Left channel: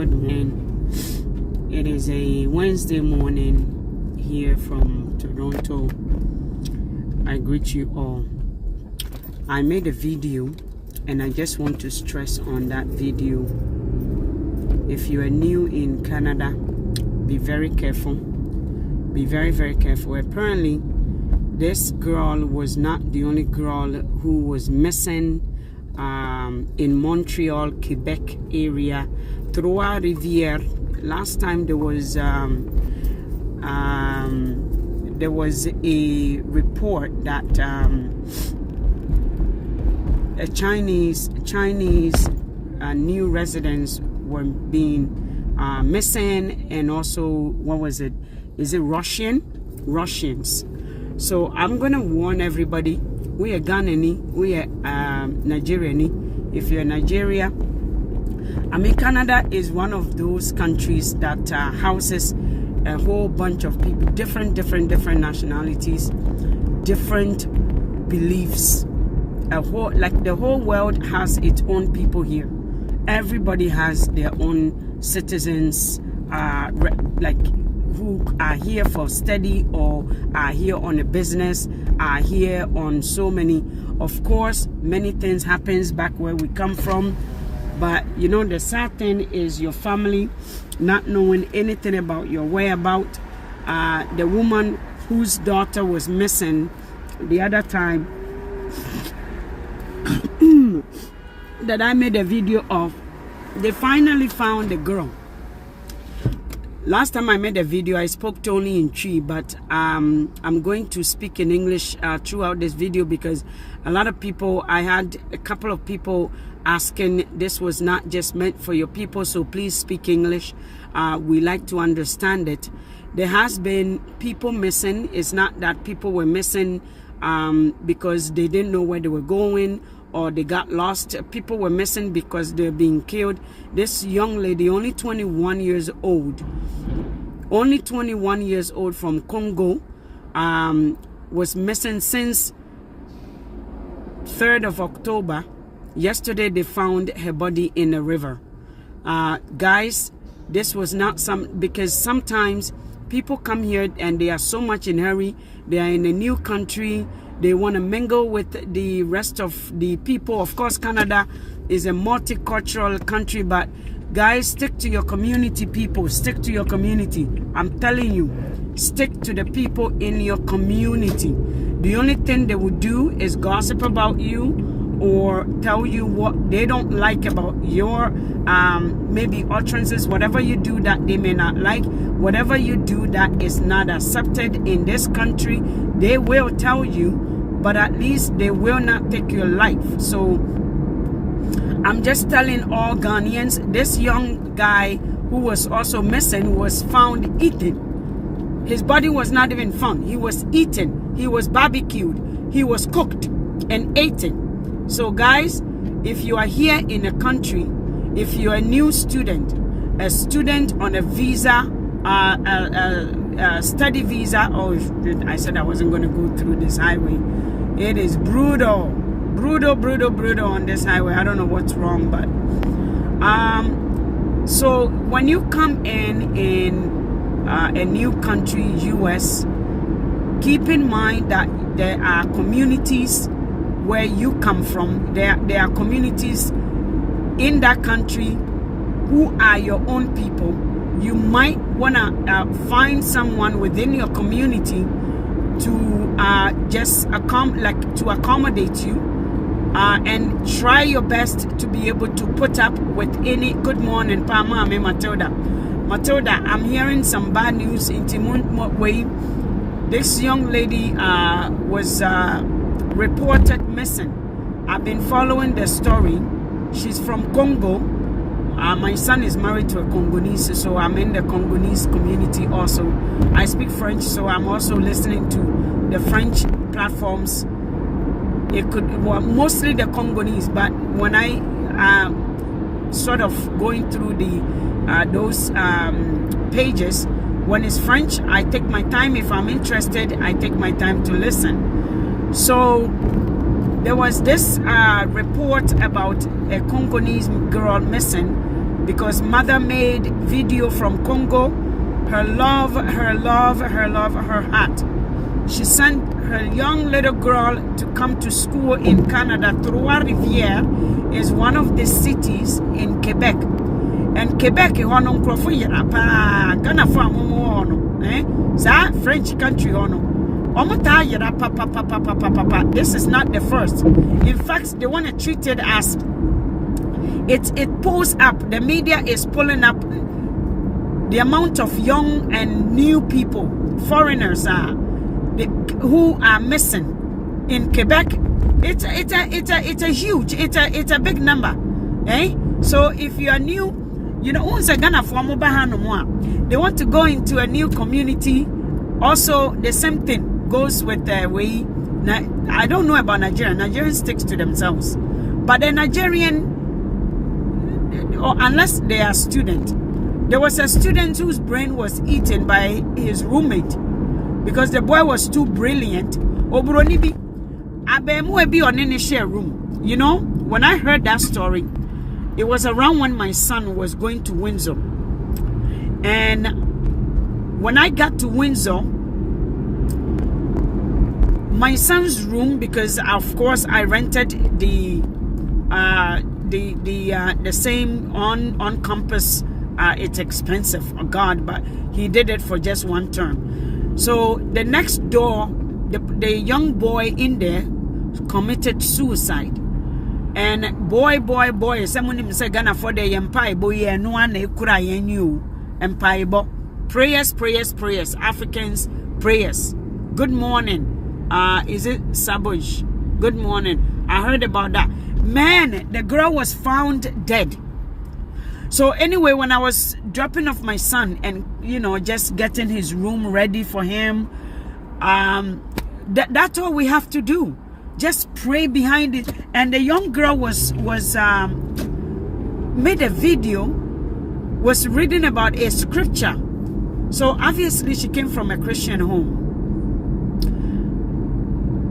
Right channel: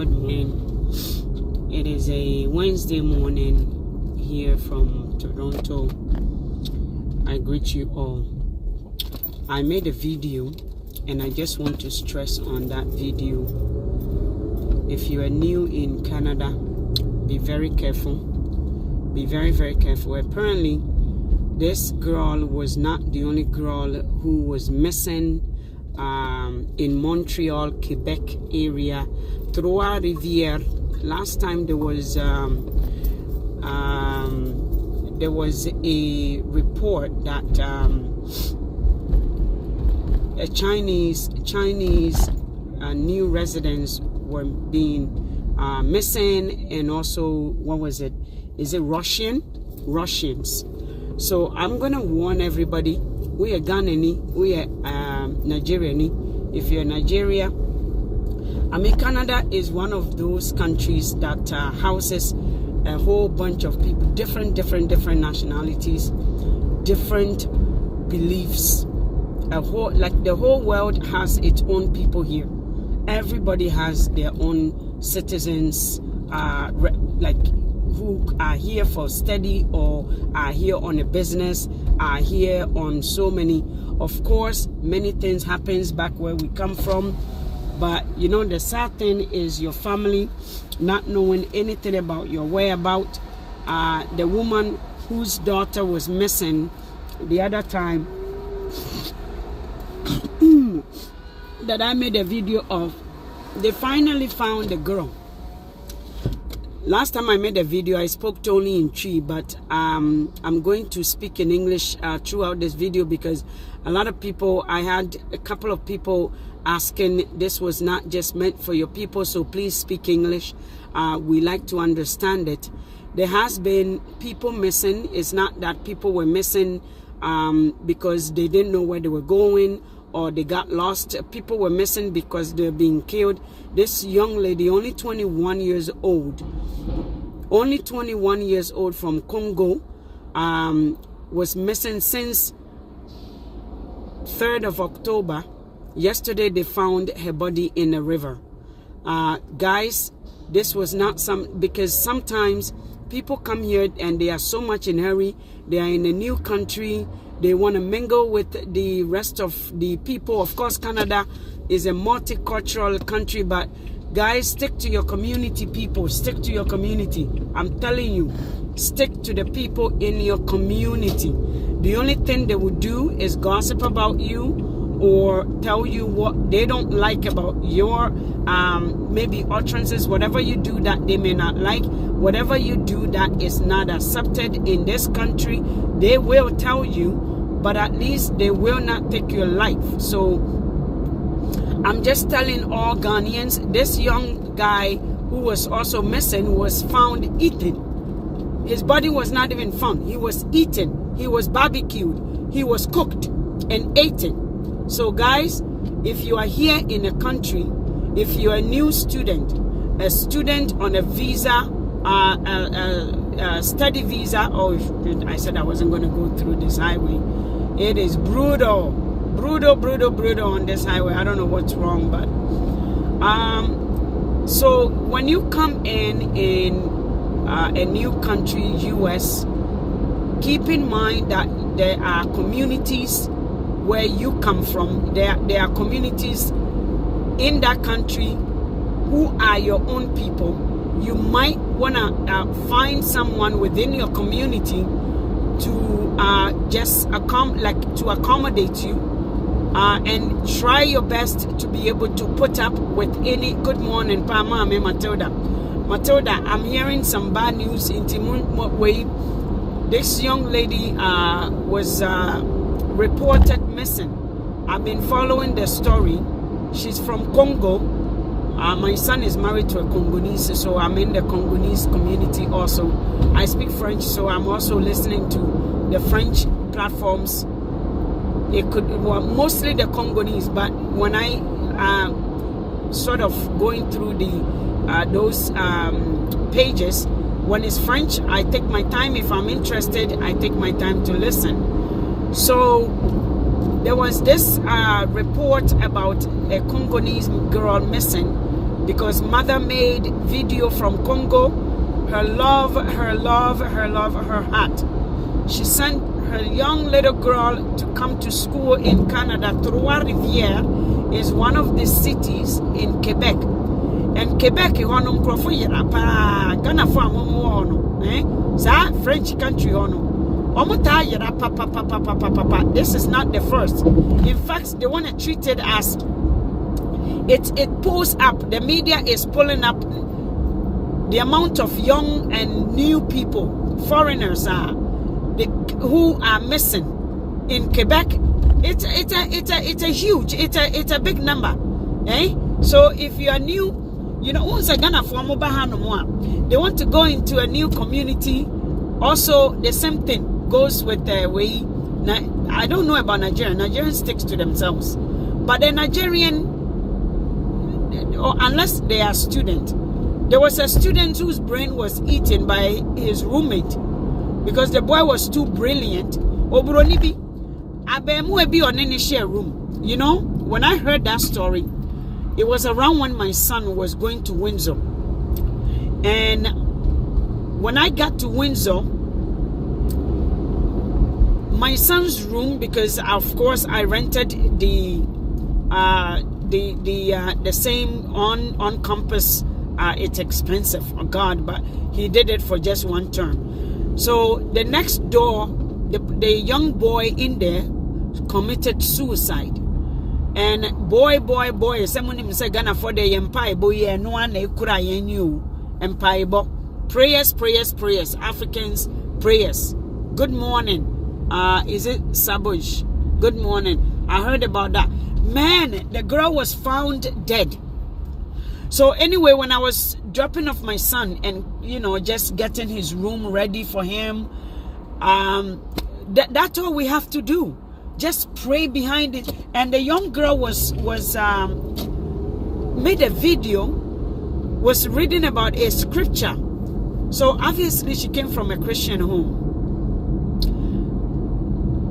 good man. It is a Wednesday morning here from Toronto. I greet you all. I made a video and I just want to stress on that video. If you are new in Canada, be very careful. Be very, very careful. Apparently, this girl was not the only girl who was missing in Montreal, Quebec area, Trois-Rivières. Last time there was a report that a Chinese new residents were being missing, and also, what was it? Is it Russians? So I'm gonna warn everybody. We are Ghanaian, we are Nigerian. If you're Nigeria, I mean, Canada is one of those countries that houses a whole bunch of people, different nationalities, different beliefs. The whole world has its own people here. Everybody has their own citizens, who are here for study or are here on a business, are here on so many. Of course, many things happens back where we come from, but you know, the sad thing is your family not knowing anything about your whereabouts. The woman whose daughter was missing the other time that I made a video of, they finally found the girl. Last time I made a video, I spoke only in Twi, but I'm going to speak in English throughout this video, because a lot of people, I had a couple of people asking, this was not just meant for your people, so please speak English. We like to understand it. There has been people missing. It's not that people were missing because they didn't know where they were going or they got lost. People were missing because they're being killed. This young lady, only 21 years old, from Congo, was missing since 3rd of October. Yesterday they found her body in a river. Guys, this was not because sometimes people come here and they are so much in a hurry. They are in a new country. They want to mingle with the rest of the people. Of course, Canada is a multicultural country, but guys, stick to your community, people. Stick to your community. I'm telling you, stick to the people in your community. The only thing they will do is gossip about you or tell you what they don't like about your maybe utterances. Whatever you do that they may not like, whatever you do that is not accepted in this country, they will tell you, but at least they will not take your life. So I'm just telling all Ghanaians, this young guy who was also missing was found eaten. His body was not even found. He was eaten. He was barbecued. He was cooked and eaten. So guys, if you are here in a country, if you're a new student, a student on a visa, study visa, or I said I wasn't going to go through this highway. It is brutal on this highway. I don't know what's wrong, but so when you come in a new country, US, keep in mind that there are communities where you come from. There are communities in that country who are your own people. You might want to find someone within your community to just accommodate you, and try your best to be able to put up with any. Good morning, Pama, me Matilda. Matilda, I'm hearing some bad news in Timun way. This young lady was reported missing. I've been following the story. She's from Congo. My son is married to a Congolese, so I'm in the Congolese community also. I speak French, so I'm also listening to the French platforms. Mostly the Congolese, but when I sort of going through those pages, when it's French, I take my time. If I'm interested, I take my time to listen. So there was this report about a Congolese girl missing because mother made video from Congo, her love, her heart. She sent her young little girl to come to school in Canada. Trois-Rivières is one of the cities in Quebec. And Quebec is one of Ghana French country. This is not the first. In fact, they want to treat it as it pulls up. The media is pulling up the amount of young and new people, foreigners who are missing in Quebec. It's a huge, it's a big number, eh? So if you are new, you know, they want to go into a new community. Also, the same thing goes with I don't know about Nigeria. Nigerians stick to themselves, but the Nigerian, or unless they are student. There was a student whose brain was eaten by his roommate because the boy was too brilliant. Obronibi, abemu on any share room. You know, when I heard that story, it was around when my son was going to Windsor. And when I got to Windsor, my son's room, because of course I rented the same on campus. It's expensive, oh God, but he did it for just one term. So the next door, the young boy in there committed suicide. And boy, someone say Ghana for the empire, boy, no one kura you empire. Prayers, Africans, prayers. Good morning. Is it Sabush? Good morning. I heard about that. Man, the girl was found dead. So anyway, when I was dropping off my son and, you know, just getting his room ready for him, that's all we have to do. Just pray behind it. And the young girl was made a video, was reading about a scripture. So obviously she came from a Christian home.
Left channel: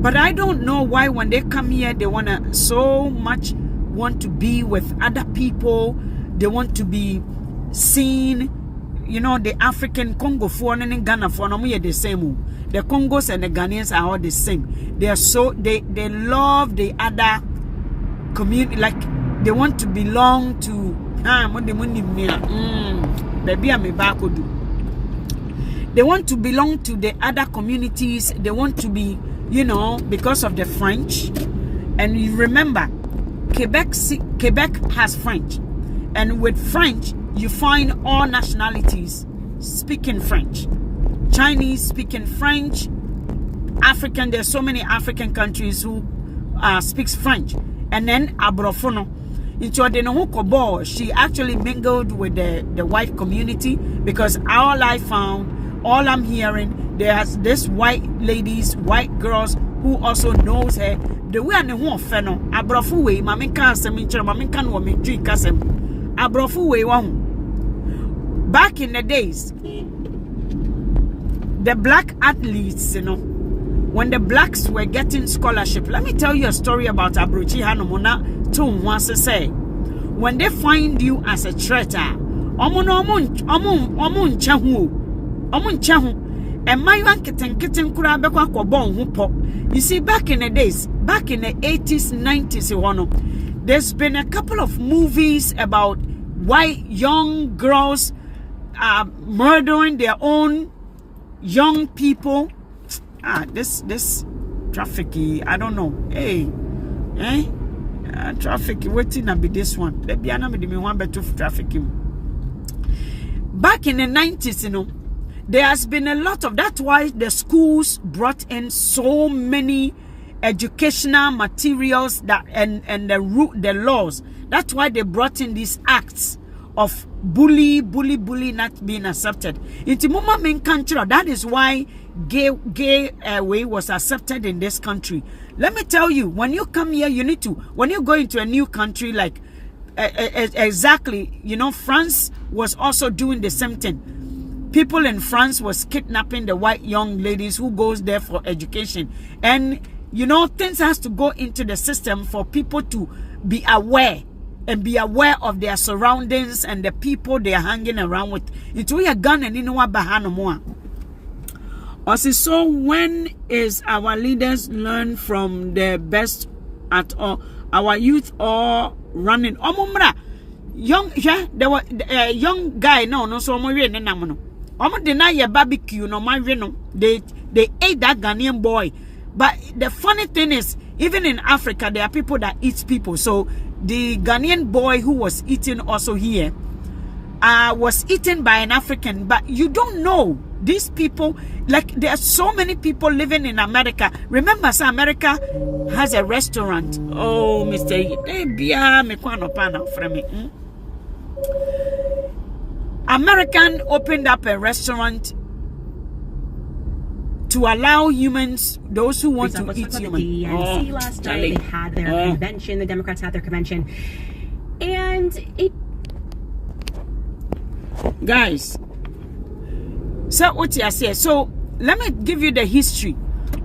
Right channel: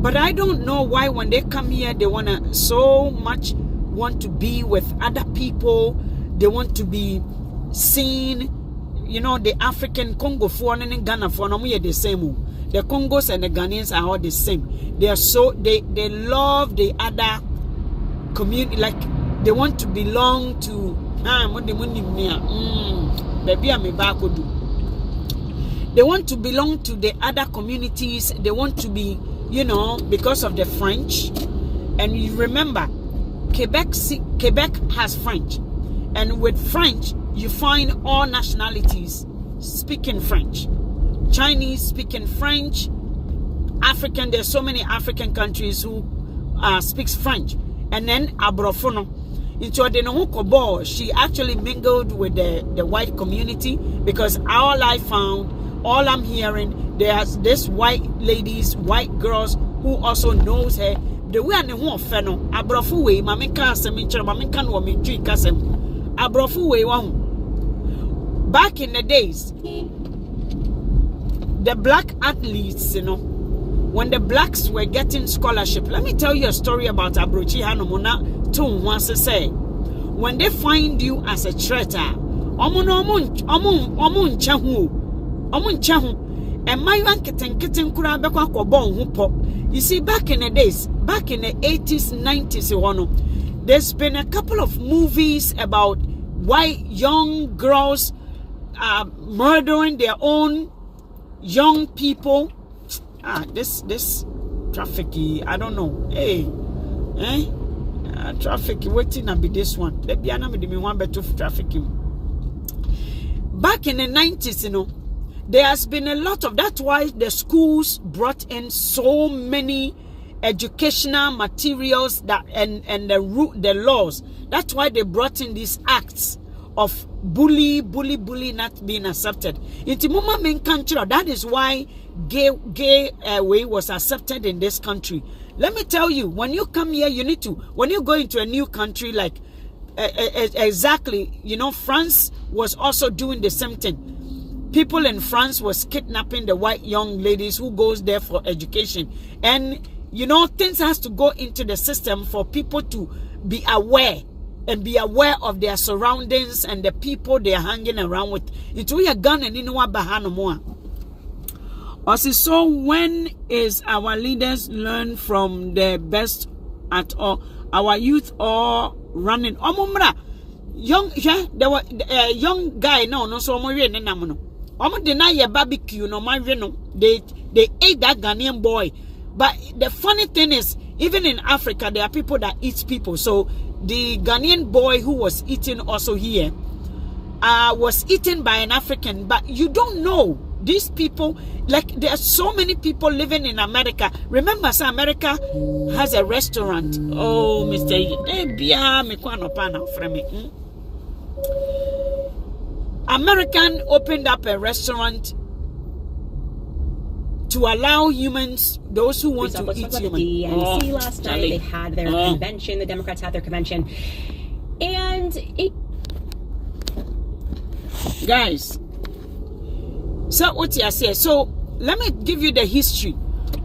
But I don't know why when they come here, they want to be with other people. They want to be seen. You know, the African Congo for and Ghana for no the same. The Congos and the Ghanaians are all the same. They are they love the other community, like they want to belong to they want to belong to the other communities. They want to be, you know, because of the French. And you remember, Quebec has French. And with French, you find all nationalities speaking French. Chinese speaking French. African, there's so many African countries who speaks French. And then Abrofono. She actually mingled with the white community, because all I'm hearing, there's this white ladies, white girls who also knows her. The way I know feno, Abrofu way, Maminka Semincher, Maminka no Mitri Kasem. Abrofu way one. Back in the days, the black athletes, you know, when the blacks were getting scholarship, let me tell you a story about Abrochi Hanomona Tum once to say, when they find you as a traitor, you see, back in the days, back in the 80s, 90s, there's been a couple of movies about white young girls murdering their own young people. This trafficking, I don't know. Hey, trafficking, waiting to be this one. Let me one better trafficking. Back in the 90s, you know, there has been a lot of, that's why the schools brought in so many educational materials that and the laws. That's why they brought in these acts of bully not being accepted. That is why gay way was accepted in this country. Let me tell you, when you come here, you need to, when you go into a new country, like exactly, you know, France was also doing the same thing. People in France was kidnapping the white young ladies who goes there for education. And, you know, things has to go into the system for people to be aware. and be aware of their surroundings and the people they are hanging around with. Into your gun and in what bahano more. Also, so when is our leaders learn from the best at all? Our youth all running. Omumra young, yeah, there were a young guy no so mo we ne nam no. Omo deny your barbecue no man no. They ate that Ghanaian boy. But the funny thing is, even in Africa, there are people that eat people. So the Ghanaian boy who was eaten also here was eaten by an African. But you don't know these people. Like there are so many people living in America. Remember, so America has a restaurant. Oh, Mr. American opened up a restaurant to allow humans, those who want to eat humans. The DNC last night, they had their convention. The Democrats had their convention, and it. Guys, so what you say? So let me give you the history.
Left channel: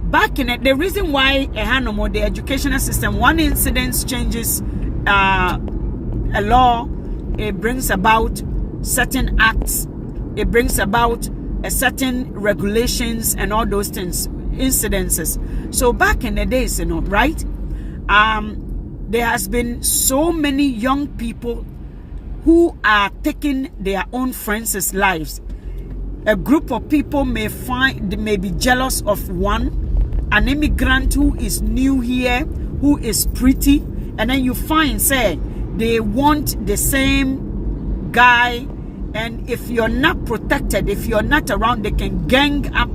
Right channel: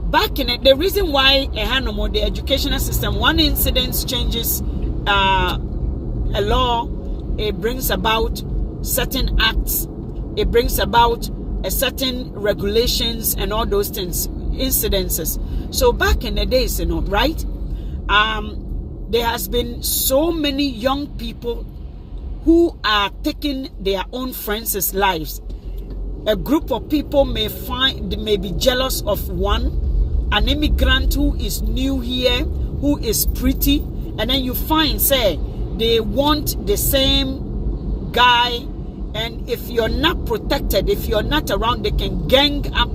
Back in it, the reason why the educational system, one incident changes a law, it brings about certain acts, it brings about a certain regulations and all those things, incidences. So back in the days, right? There has been so many young people who are taking their own friends' lives. A group of people may be jealous of an immigrant who is new here, who is pretty, and then you find, say, they want the same guy. And if you're not protected, if you're not around, they can gang up,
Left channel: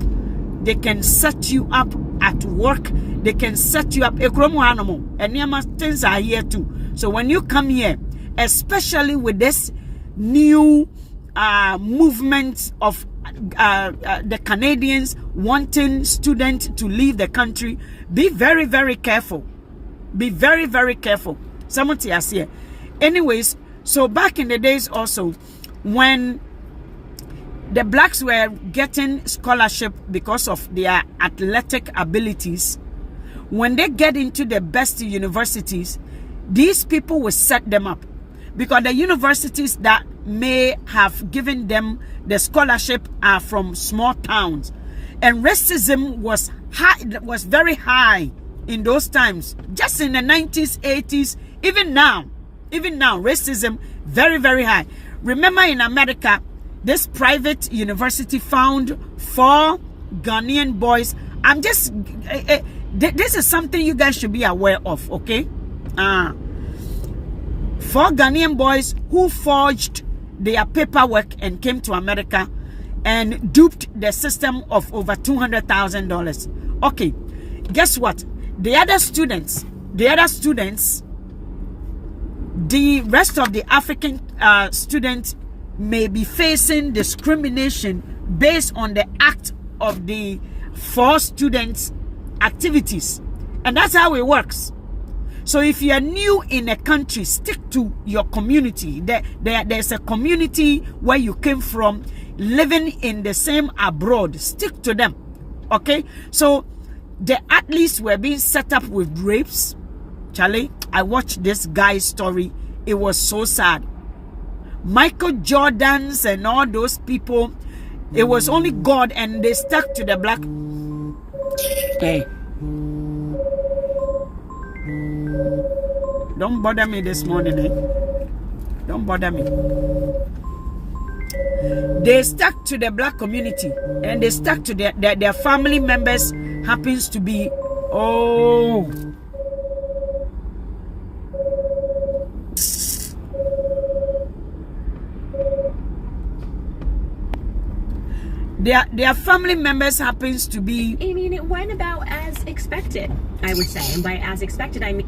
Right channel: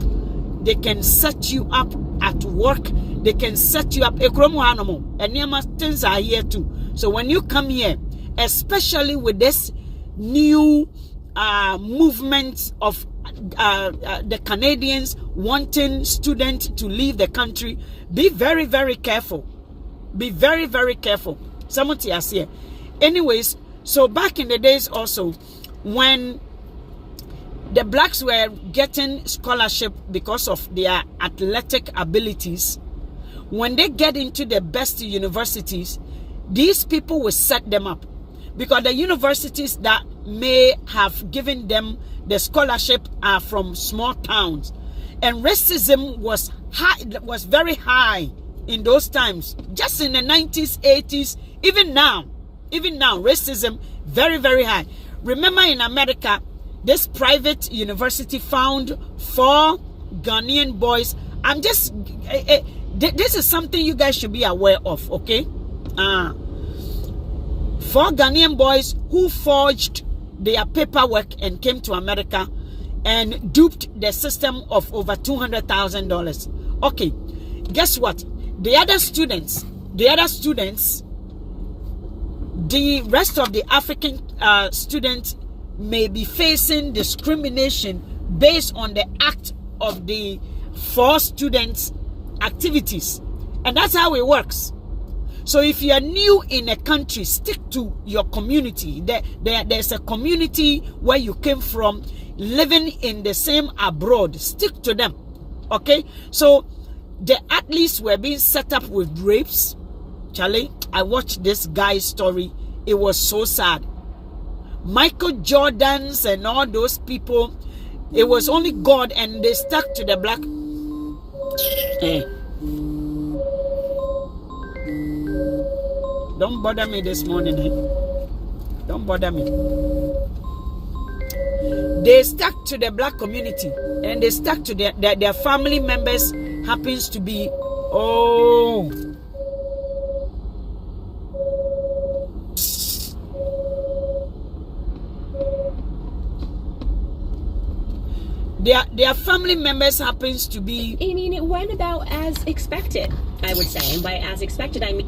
they can set you up at work, they can set you up. And things are here too. So when you come here, especially with this new movement of the Canadians wanting students to leave the country, be very, very careful. Be very, very careful. Someone tells here. Anyways, so back in the days also, when the blacks were getting scholarship because of their athletic abilities, when they get into the best universities, these people will set them up, because the universities that may have given them the scholarship are from small towns, and racism was very high in those times, just in the 90s, 80s, even now, racism very, very high. Remember, in America, this private university found 4 Ghanaian boys. This is something you guys should be aware of, okay? 4 Ghanaian boys who forged their paperwork and came to America and duped the system of over $200,000. Okay, guess what? The rest of the African students may be facing discrimination based on the act of the 4 students' activities. And that's how it works. So if you are new in a country, stick to your community. There's a community where you came from, living in the same abroad. Stick to them. Okay? So the athletes were being set up with rapes. Charlie, I watched this guy's story. It was so sad. Michael Jordans and all those people, it was only God, and they stuck to the black. Hey, don't bother me this morning, eh? Don't bother me. They stuck to the black community, and they stuck to their family members happens to be, oh, their family members happens to be. I mean, it went about as expected, I would say. And by as expected, I mean.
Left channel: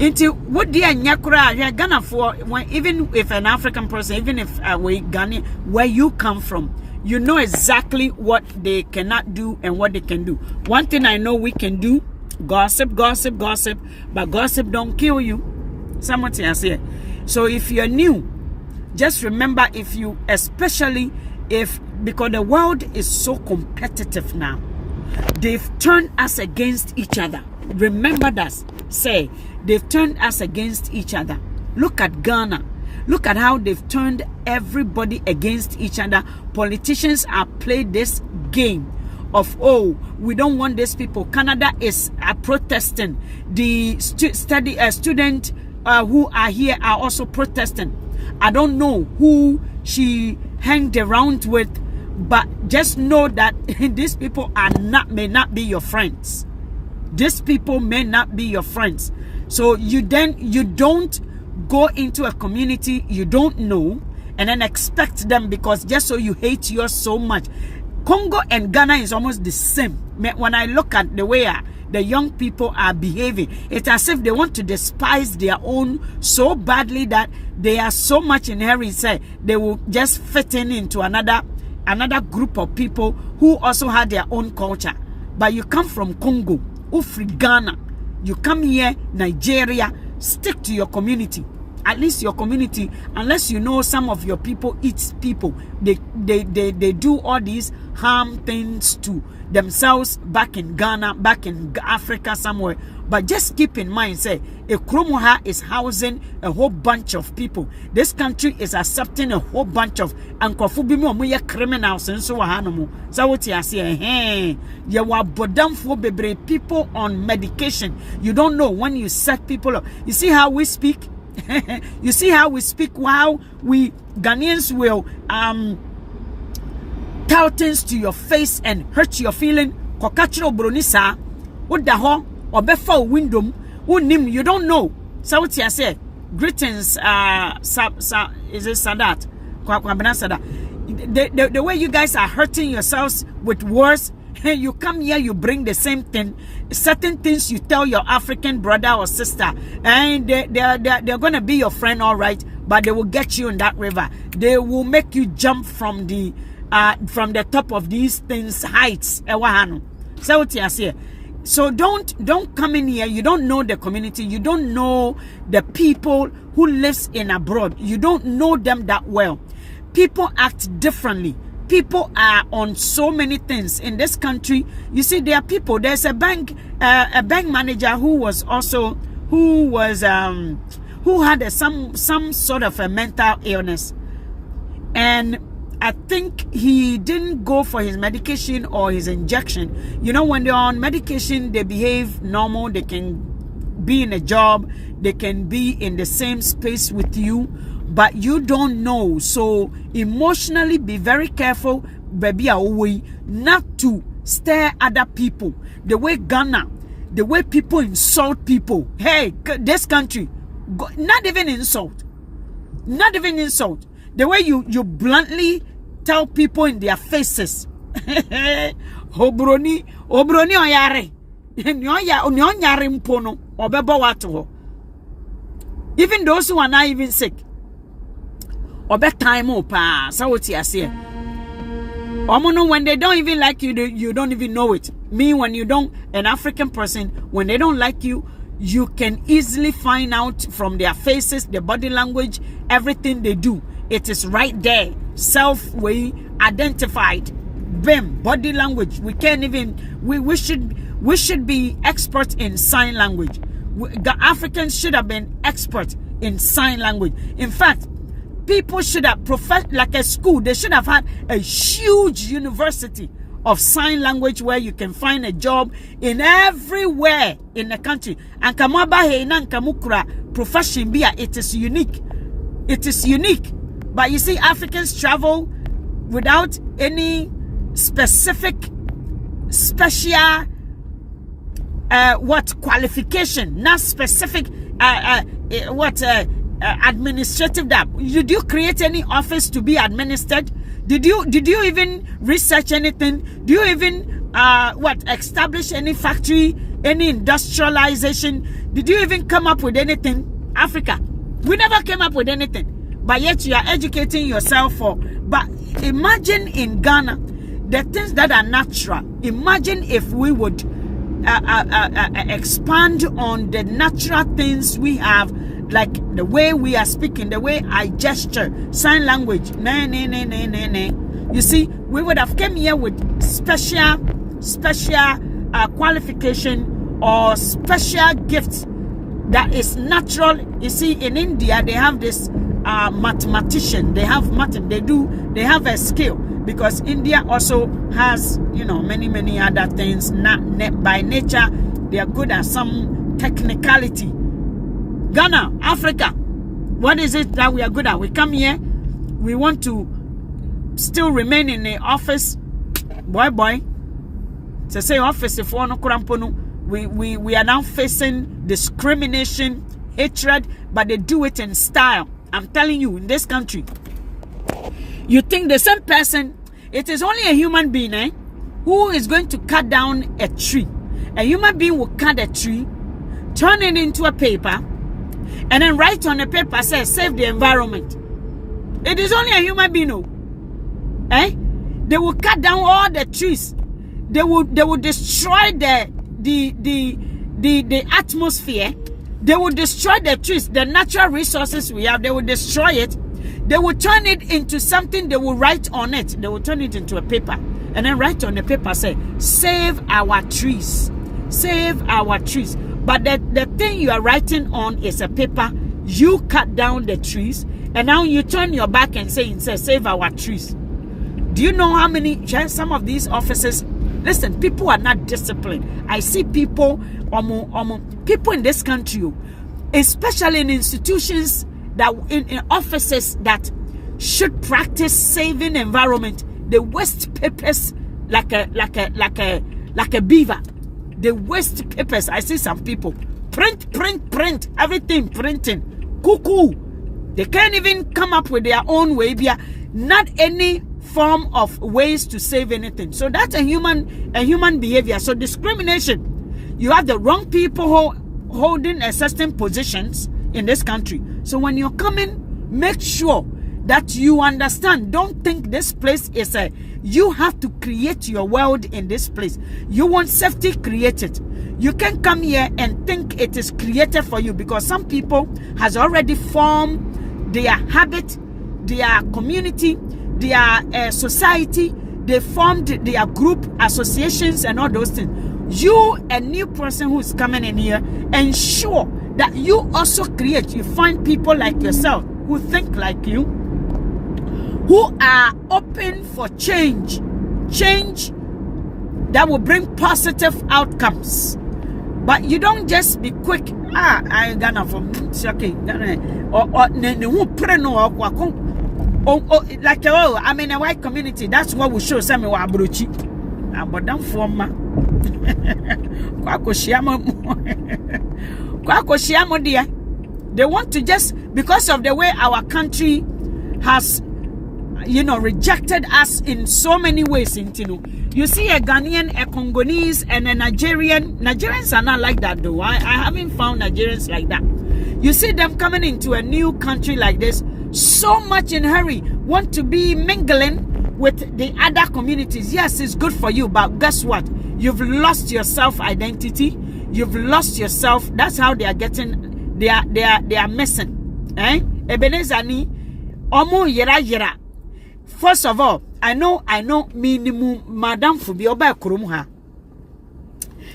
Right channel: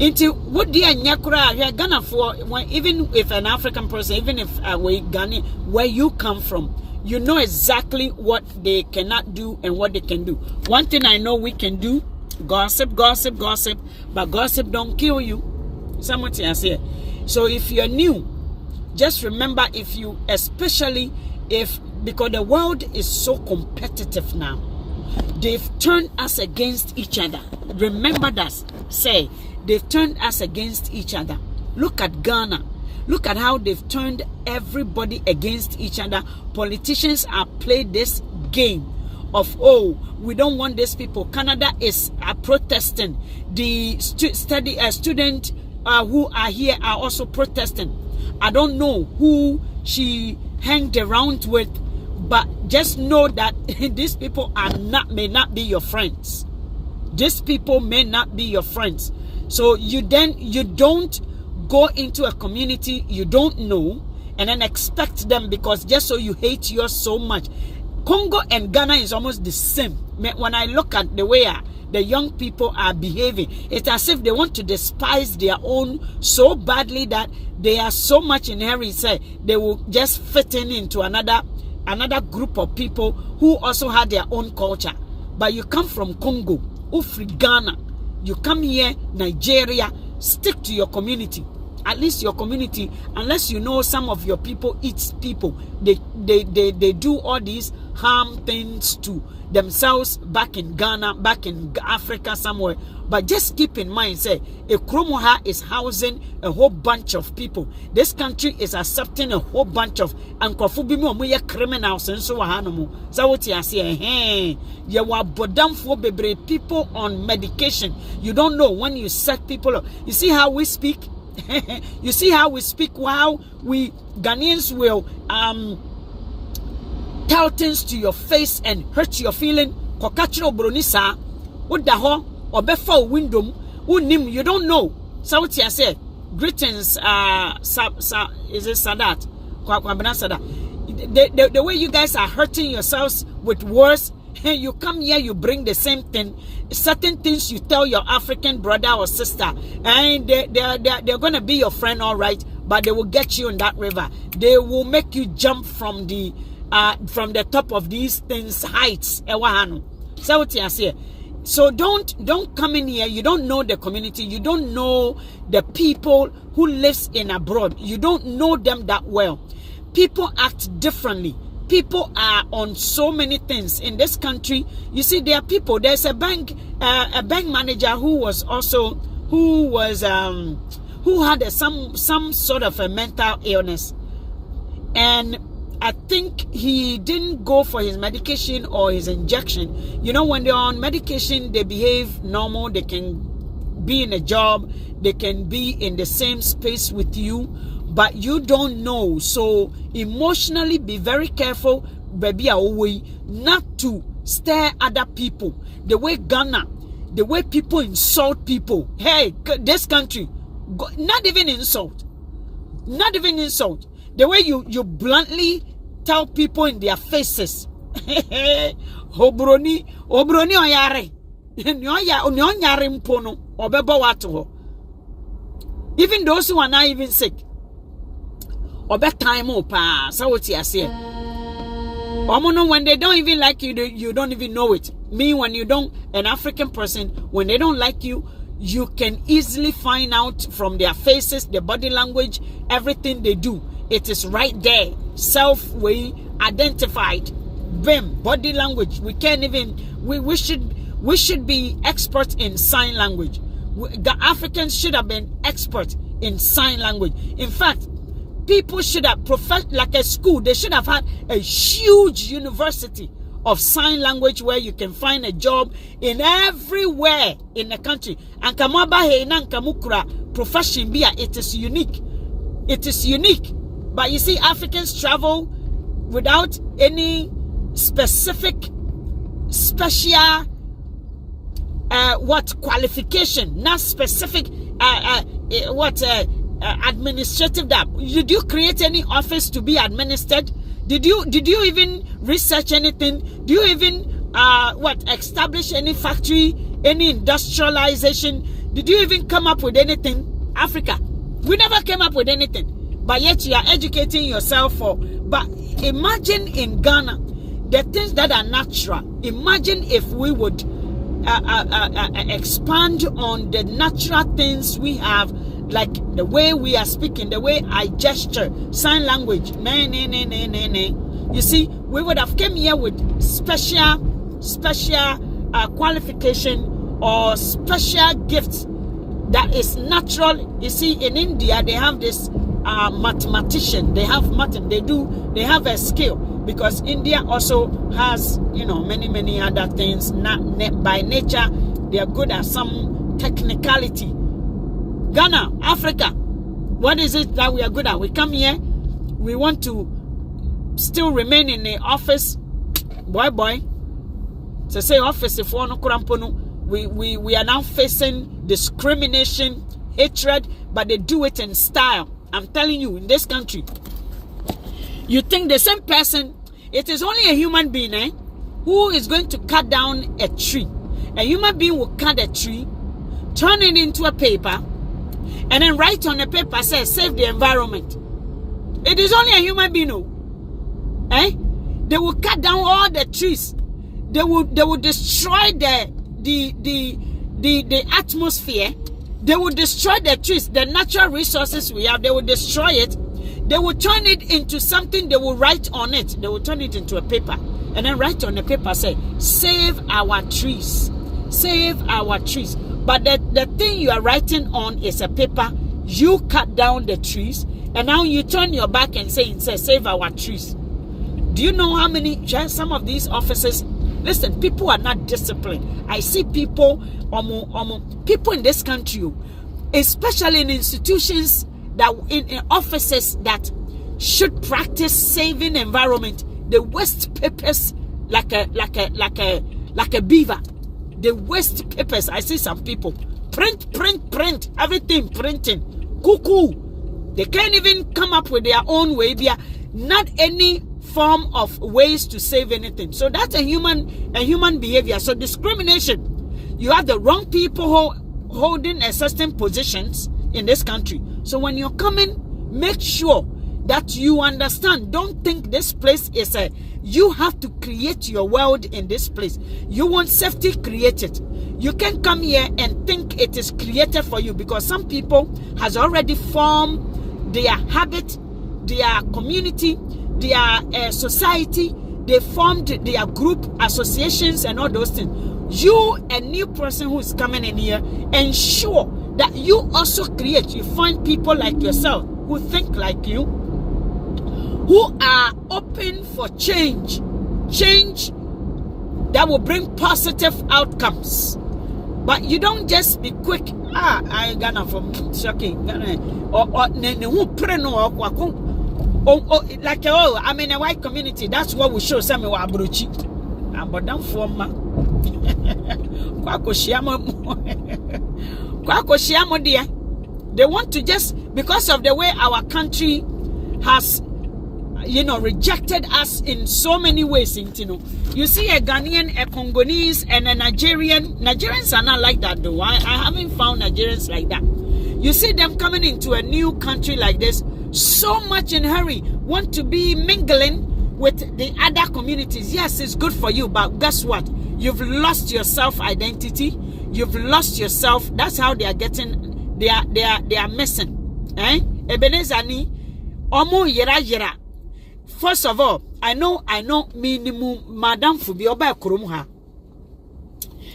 Into what the Nyakura, you're Ghana for, even if an African person, even if we Ghanaian, where you come from, you know exactly what they cannot do and what they can do. One thing I know we can do: gossip, but gossip don't kill you. Someone else here. So if you're new, just remember, especially because the world is so competitive now, they've turned us against each other. Remember that. Say, they've turned us against each other. Look at Ghana. Look at how they've turned everybody against each other. Politicians have played this game of, oh, we don't want these people. Canada is protesting. The student who are here are also protesting. I don't know who she hanged around with, but just know that these people may not be your friends. These people may not be your friends. So you don't go into a community you don't know and then expect them, because just so you hate yours so much. Congo and Ghana is almost the same. When I look at the way the young people are behaving, it's as if they want to despise their own so badly that they are so much in hurry, say they will just fit into another group of people who also had their own culture. But you come from Congo, Ufri, Ghana, you come here, Nigeria, stick to your community. At least your community, unless you know some of your people eat people, they do all these harm things to themselves back in Ghana, back in Africa somewhere. But just keep in mind, say, Ekromoha is housing a whole bunch of people. This country is accepting a whole bunch of criminals and so on. So what you say, you are bodam for bebre people on medication. You don't know when you set people up. You see how we speak? You see how we speak, how we Ghanaians will tell things to your face and hurt your feeling. Kokachiro bronisa udaho obefa window unim, you don't know. So what you say? Greetings, is it Sadat? The way you guys are hurting yourselves with words. You come here, you bring the same thing, certain things you tell your African brother or sister, and they're gonna be your friend, all right, but they will get you in that river. They will make you jump from the top of these things heights. So don't come in here. You don't know the community. You don't know the people who lives in abroad. You don't know them that well. People act differently. People are on so many things in this country. You see, there are people. There's a bank manager who had some sort of a mental illness, and I think he didn't go for his medication or his injection. You know, when they're on medication, they behave normal. They can be in a job. They can be in the same space with you. But you don't know. So emotionally be very careful, baby, not to stare other people. The way Ghana, the way people insult people. Hey, this country, not even insult. Not even insult. The way you bluntly tell people in their faces. Obroni oyare. Nyonyare mpono obebo watu. Even those who are not even sick. Time so what you say? When they don't even like you, you don't even know it. Me, when you don't, an African person, when they don't like you, you can easily find out from their faces, their body language, everything they do. It is right there, self-way identified. Bim, body language. We can't even. We should be experts in sign language. The Africans should have been experts in sign language. In fact, people should have like a school. They should have had a huge university of sign language where you can find a job in everywhere in the country. And kamaba heinan kamukura profession bia, it is unique. It is unique. But you see, Africans travel without any special qualification, not specific administrative that. Did you create any office to be administered? Did you even research anything? Do you even establish any factory, any industrialization? Did you even come up with anything? Africa, we never came up with anything, but yet you are educating yourself for. But imagine in Ghana, the things that are natural. Imagine if we would expand on the natural things we have, like the way we are speaking, the way I gesture, sign language. You see, we would have come here with special qualification or special gifts that is natural. You see, in India, they have this mathematician. They have they have a skill, because India also has, you know, many other things. By nature, they are good at some technicality. Ghana, Africa, what is it that we are good at? We come here, we want to still remain in the office. Boy. To say office if one we are now facing discrimination, hatred, but they do it in style. I'm telling you, in this country, you think the same person, it is only a human being, who is going to cut down a tree. A human being will cut a tree, turn it into a paper, and then write on the paper, says save the environment. It is only a human being, They will cut down all the trees. They will destroy the atmosphere. They will destroy the trees, the natural resources we have. They will destroy it. They will turn it into something. They will write on it. They will turn it into a paper, and then write on the paper, say save our trees, save our trees. But the thing you are writing on is a paper. You cut down the trees, and now you turn your back and say save our trees. Do you know how many, some of these offices, listen, people are not disciplined. I see people in this country, especially in institutions, that in offices that should practice saving environment, they waste papers like a beaver. They waste papers. I see some people print, everything printing. Cuckoo. They can't even come up with their own way. Not any form of ways to save anything. So that's a human behavior. So discrimination. You have the wrong people holding a certain positions in this country. So when you're coming, make sure that you understand. Don't think this place is you have to create your world in this place. You want safety, create it. You can come here and think it is created for you, because some people has already formed their habit, their community, their society. They formed their group, associations, and all those things. You, a new person who is coming in here, ensure that you also create. You find people like yourself who think like you, who are open for change that will bring positive outcomes. But you don't just be quick. I Ghana from shocking or like I'm in a white community. That's what we show some wa abrochi. But don't form dear. They want to just, because of the way our country has, rejected us in so many ways. You see a Ghanaian, a Congolese, and a Nigerian. Nigerians are not like that though. I haven't found Nigerians like that. You see them coming into a new country like this, so much in hurry, want to be mingling with the other communities. Yes, it's good for you, but guess what? You've lost your self-identity. You've lost yourself. That's how they are getting. They are missing. Ebenezer ni omo yera. First of all, I know minimum Madam Fubi oba kurum ha.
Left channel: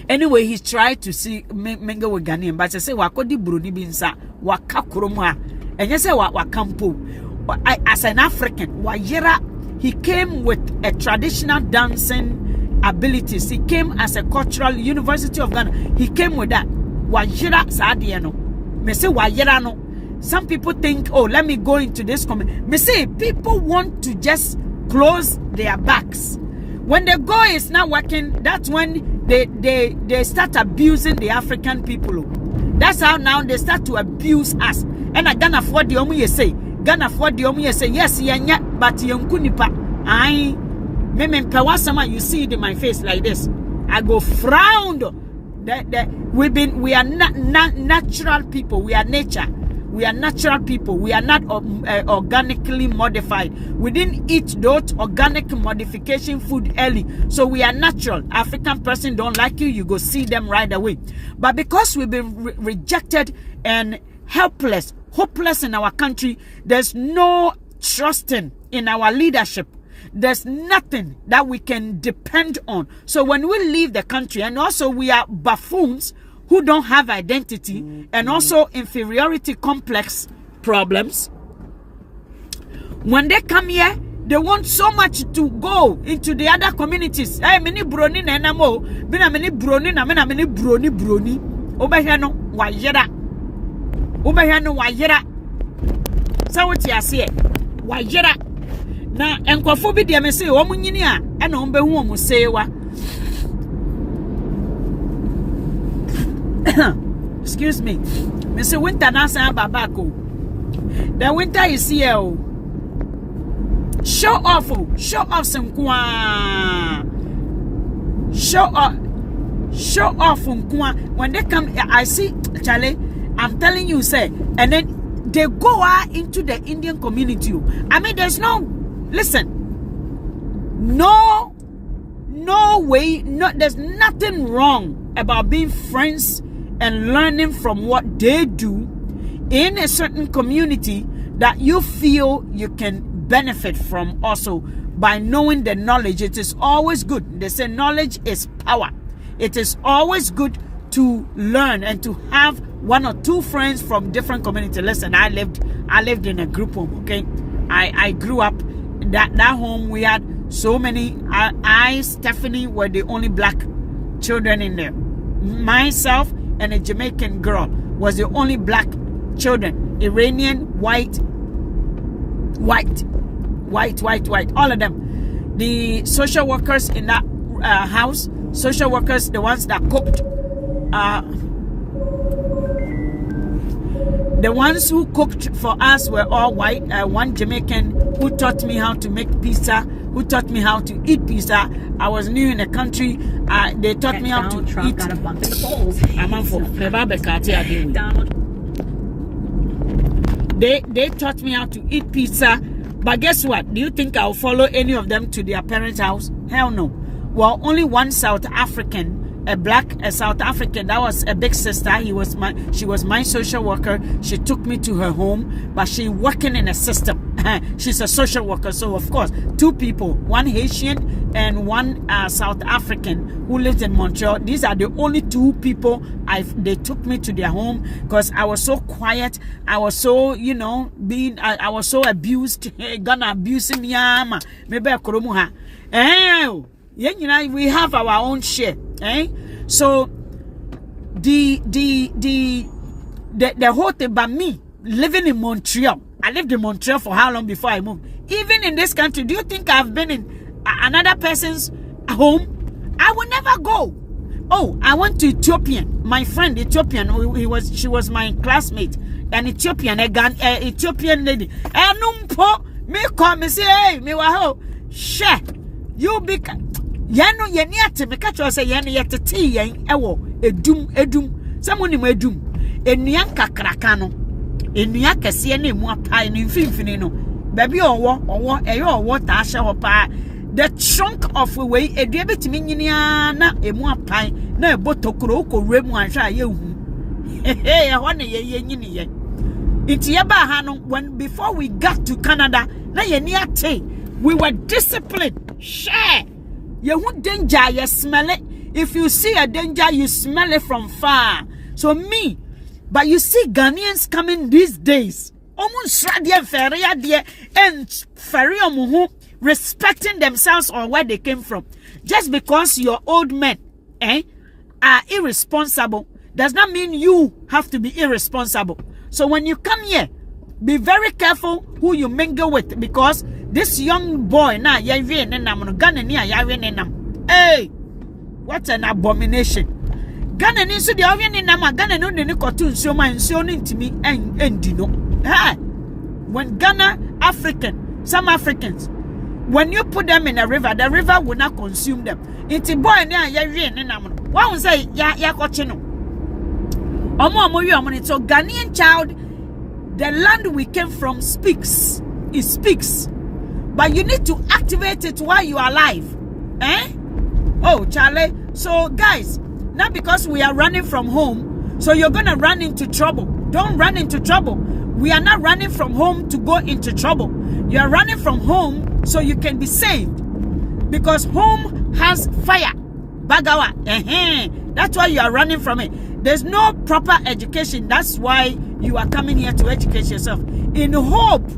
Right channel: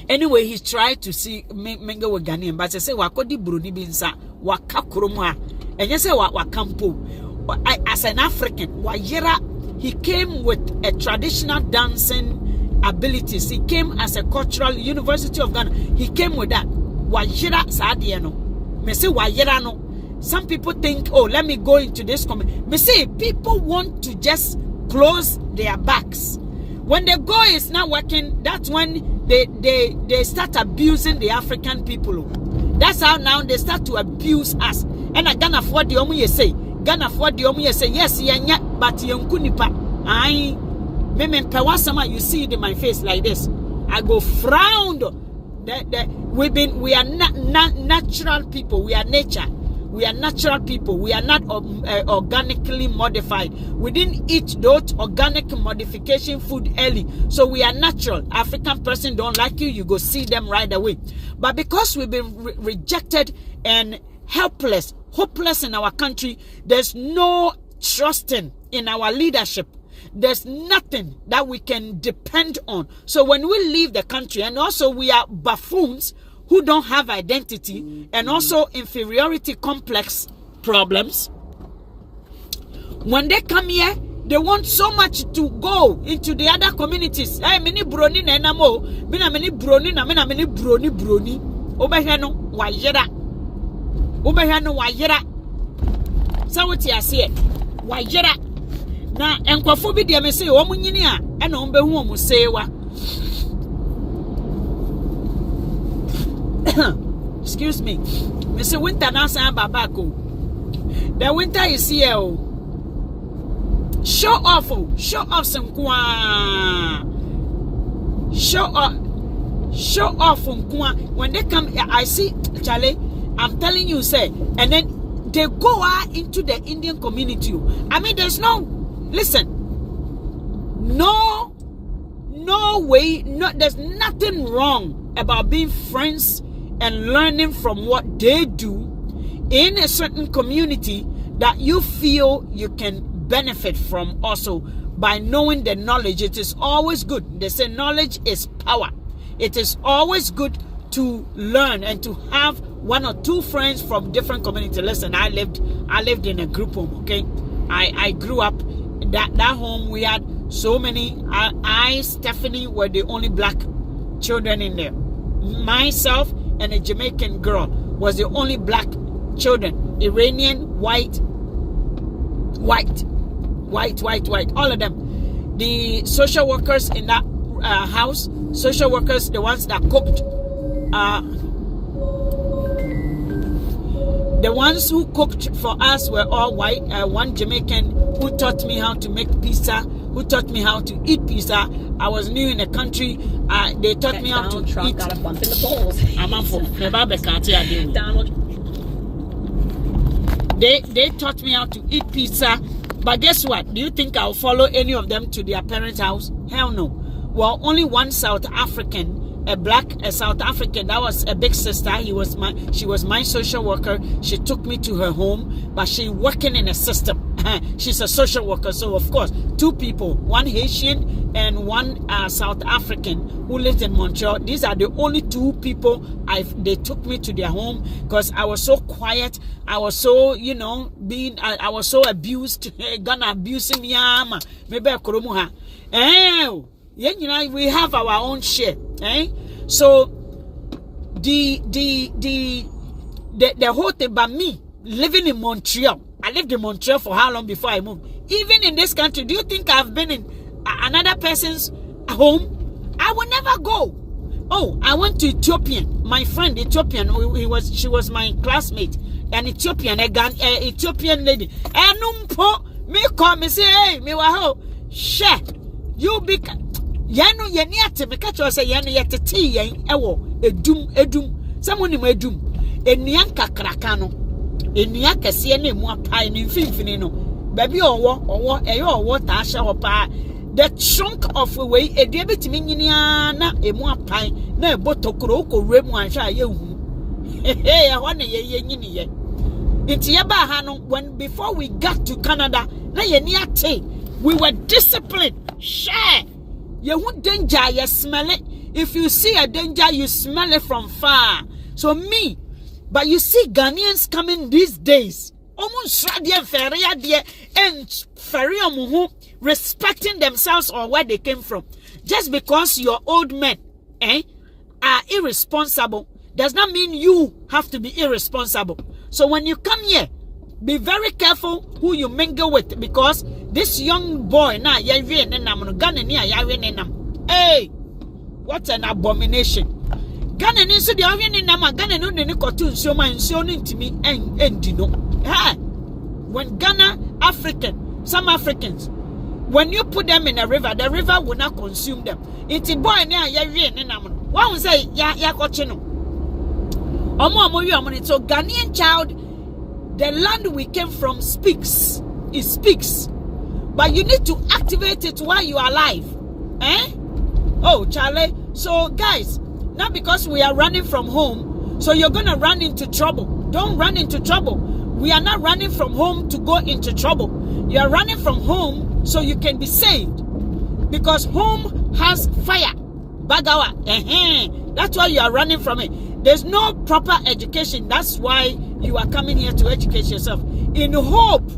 Anyway, he tried to see mingle with Ghanaian, but I say wakodi burudi binsa waka kurum ha. And you say wakampo. As an African, wayera, he came with a traditional dancing abilities. He came as a cultural University of Ghana. He came with that. Wayera sadiano. Me say wayera no. Some people think, oh, let me go into this community. Me say people want to just close their backs. When the goal is not working, that's when they start abusing the African people. That's how now they start to abuse us. And I Ghana for the omu say. Ghana for the omu say, yes, yeah, but yonkunipa. You see it in my face like this. I go frowned. We are not natural people. We are nature. We are natural people. We are not organically modified. We didn't eat those organic modification food early. So we are natural. African person don't like you, you go see them right away. But because we've been rejected and helpless, hopeless in our country, there's no trusting in our leadership. There's nothing that we can depend on. So when we leave the country, and also we are buffoons who don't have identity and also inferiority complex problems. When they come here, they want so much to go into the other communities. Hey, many broni na enamo, bina many broni na many broni. Obahano wajera. Obahano wajera. So what you say? Wajera. Na enkwafo bi de me say o munyini a e na ombehu o musewa. Excuse me. Me say winter na say babako. The winter is here. Oh. Show off some show off when they come. I see Charlie, I'm telling you, say, and then they go out into the Indian community. I mean, there's no way, there's nothing wrong about being friends and learning from what they do in a certain community that you feel you can benefit from also by knowing the knowledge. It is always good. They say knowledge is power. It is always good to learn and to have one or two friends from different communities. Listen, I lived in a group home, okay? I grew up that home. We had so many. Stephanie were the only black children in there. Myself and a Jamaican girl was the only black children. Iranian, white, all of them. The social workers in that house, social workers, the ones that cooked, the ones who cooked for us were all white. One Jamaican who taught me how to make pizza, who taught me how to eat pizza. I was new in the country. They taught me how to eat. Got a bump in the polls. Donald. They taught me how to eat pizza. But guess what? Do you think I'll follow any of them to their parents' house? Hell no. Well, only one South African, a South African, that was a big sister. She was my social worker. She took me to her home, but she working in a system. She's a social worker. So of course, two people, one Haitian and one South African who lived in Montreal. These are the only two people they took me to their home because I was so quiet. I was so, I was so abused. Gonna abusing me. Maybe I could we have our own share. So the whole thing about me living in Montreal. I lived in Montreal for how long before I moved? Even in this country, do you think I've been in another person's home? I will never go. Oh, I went to Ethiopian. My friend Ethiopian, she was my classmate. An Ethiopian, Ethiopian lady. Me call me say, hey, me waho, share. You be yano yeniate me catch you say yano yete tea yen ewo edum someone in edum enuan kakraka no enua kese na emu apai no mfimfini no baby owo ta hye ho pa the trunk of way edua betimi nyinia na emu apai na ebotokoro okowre mu ahwe a yehu he ho na ye nyini ye nti ye ba ha no when before we got to Canada na ye ni ate we were disciplined. Share. You danger, you smell it. If you see a danger, you smell it from far. So me, but you see Ghanaians coming these days, almost respecting themselves or where they came from. Just because your old men are irresponsible does not mean you have to be irresponsible. So when you come here, be very careful who you mingle with, because this young boy now, hey, what an abomination. Ghana ni so the oven in Nama, Ghana no ne cartoon so man so into me and you know. When Ghana some Africans, when you put them in a river, the river will not consume them. It's a boy now, why would say ya cochino? So Ghanaian child, the land we came from speaks. It speaks. But you need to activate it while you are alive. Oh, Charlie. So, guys, not because we are running from home, so you're going to run into trouble. Don't run into trouble. We are not running from home to go into trouble. You're running from home so you can be saved. Because home has fire. Bagawa. That's why you are running from it. There's no proper education. That's why you are coming here to educate yourself in hope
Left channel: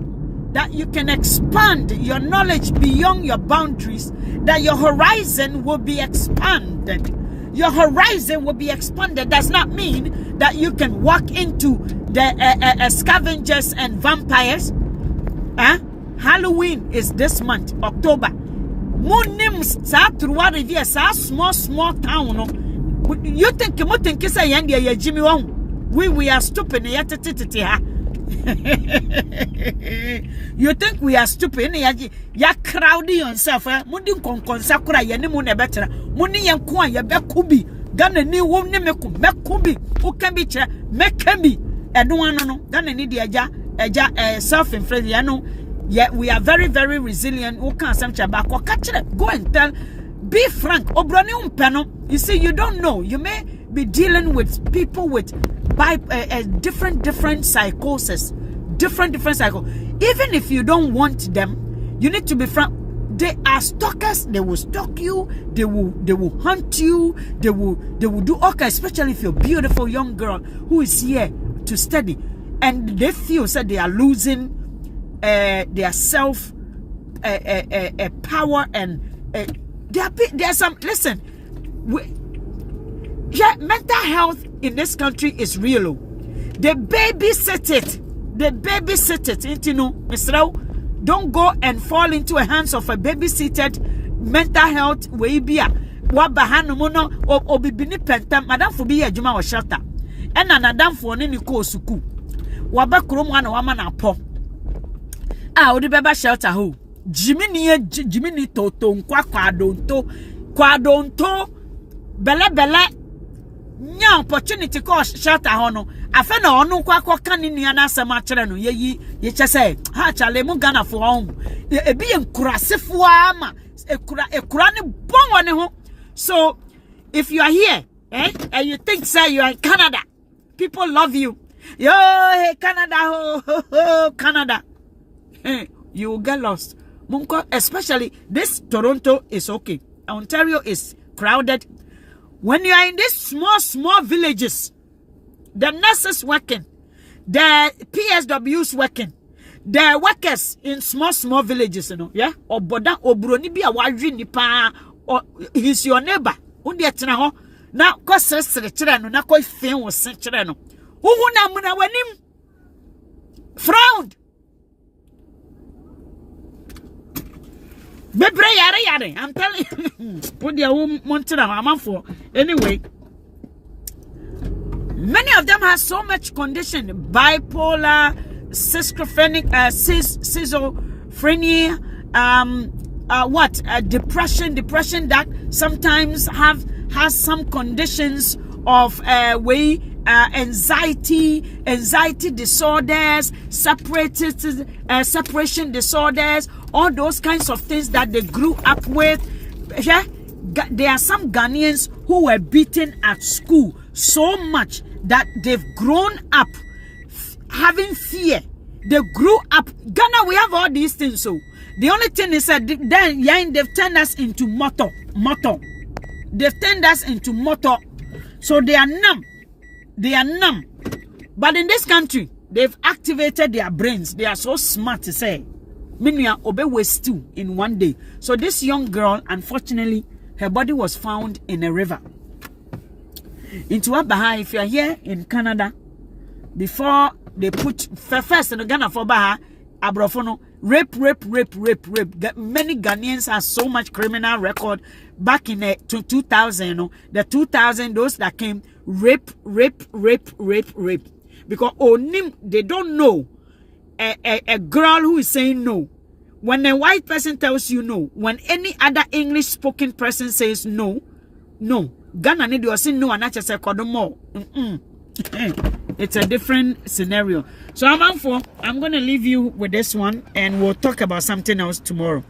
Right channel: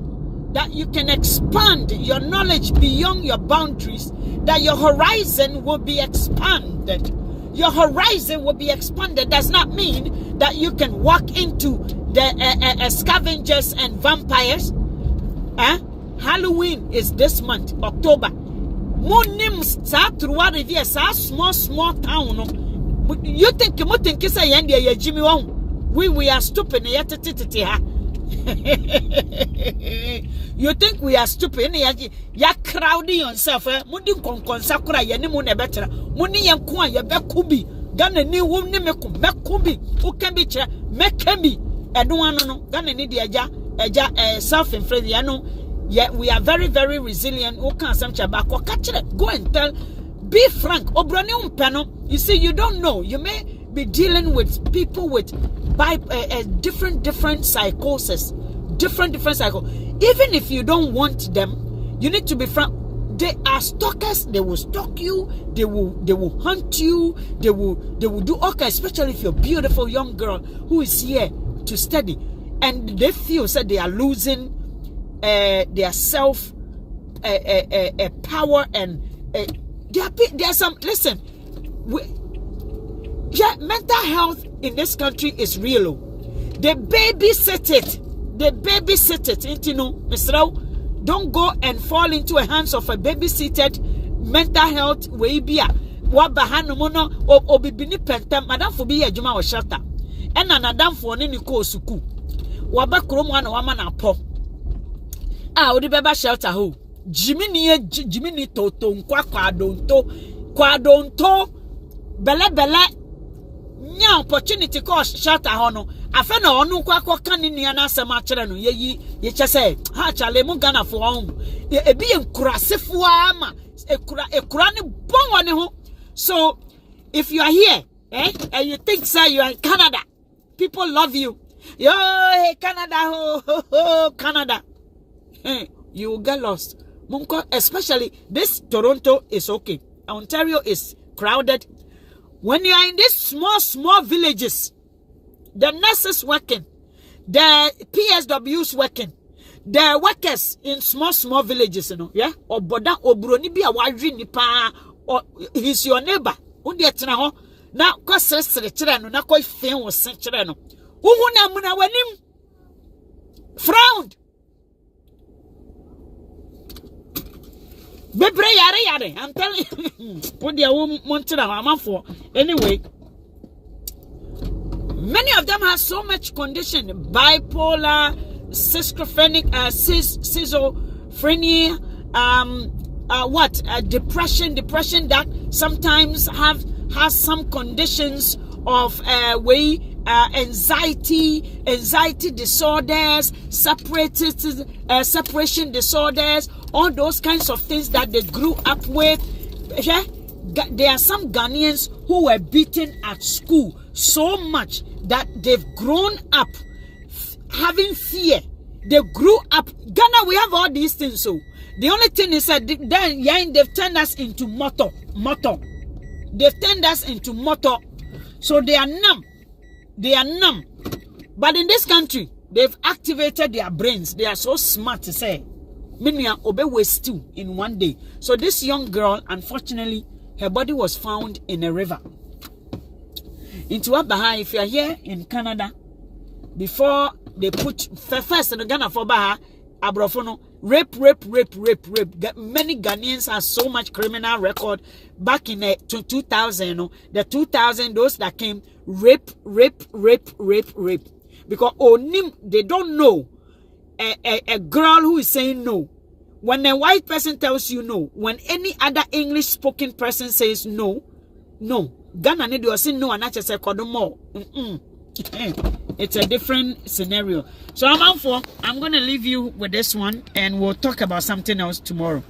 that you can expand your knowledge beyond your boundaries, that your horizon will be expanded. Your horizon will be expanded. Does not mean that you can walk into the scavengers and vampires. Halloween is this month, October. Small town. You think we are stupid? You think we are stupid? Ya crowding yourself. Mundi konsakura ya nimu ne betra. Mundi yankwa ya bekubi. Gana ni wumni mekubi. Ukembi che mekembi. Edwano no. Gana ni di eja self-inflicted. Yano. Yeah, we are very, very resilient. Go and tell. Be frank. Obroni umpeno. You see, you don't know. You may be dealing with people with different psychosis, different psycho. Even if you don't want them, you need to be frank. They are stalkers. They will stalk you. They will hunt you. They will do all kinds. Especially if you're a beautiful young girl who is here to study, and they feel that they are losing their self power, and there's some. Listen, mental health in this country is real. They babysit it. You know, Mr. Don't go and fall into the hands of a babysitted mental health way be a wabahano mono or bibini penta madam for be a juma or shelter. And another for any ko suku. Wabakrum one woman a pop. Odi beba shelter ho. Jiminy toto kwadonto bele nya opportunity ko shelter hono afa na onu kwakwa kan ni na asem a kire no ye chese ha chale mu Ghana for on ebi enkurasefo ama ekura ne bon woni ho. So if you are here and you think say you are in Canada, people love you. Yo, hey Canada, ho, Canada. You will get lost. Especially this Toronto is okay. Ontario is crowded. When you are in these small villages, the nurses working, the PSWs working, the workers in small villages, you know, yeah? Or boda obroni bi a wadri nipa, or he's your neighbor. Undi etina ho. Na kwa sere chire no, na kwa ifen wo sen chire no. Uhu na muna wanim frowned. Bebre yare. I'm telling you. Put the mountain on for. Anyway, many of them have so much condition: bipolar, schizophrenic, schizophrenia, depression that sometimes has some conditions of anxiety disorders, separation disorders, all those kinds of things that they grew up with. Yeah, there are some Ghanaians who were beaten at school so much that they've grown up having fear. They grew up. Ghana, we have all these things. So the only thing is that then they've turned us into motor. They've turned us into motor. So they are numb. But in this country, they've activated their brains. They are so smart to say. Minya obe waste two in one day. So this young girl, unfortunately, her body was found in a river. Into Abaha, if you are here in Canada, before they put first in Ghana for Baha, Abrofono, rape. Many Ghanaians have so much criminal record back in the 2000, you know, the 2000, those that came, rape. Because they don't know a girl who is saying no. When a white person tells you no, when any other English spoken person says no, Ghana need you say no and I just say kodomo. It's a different scenario. So I'm going to leave you with this one and we'll talk about something else tomorrow.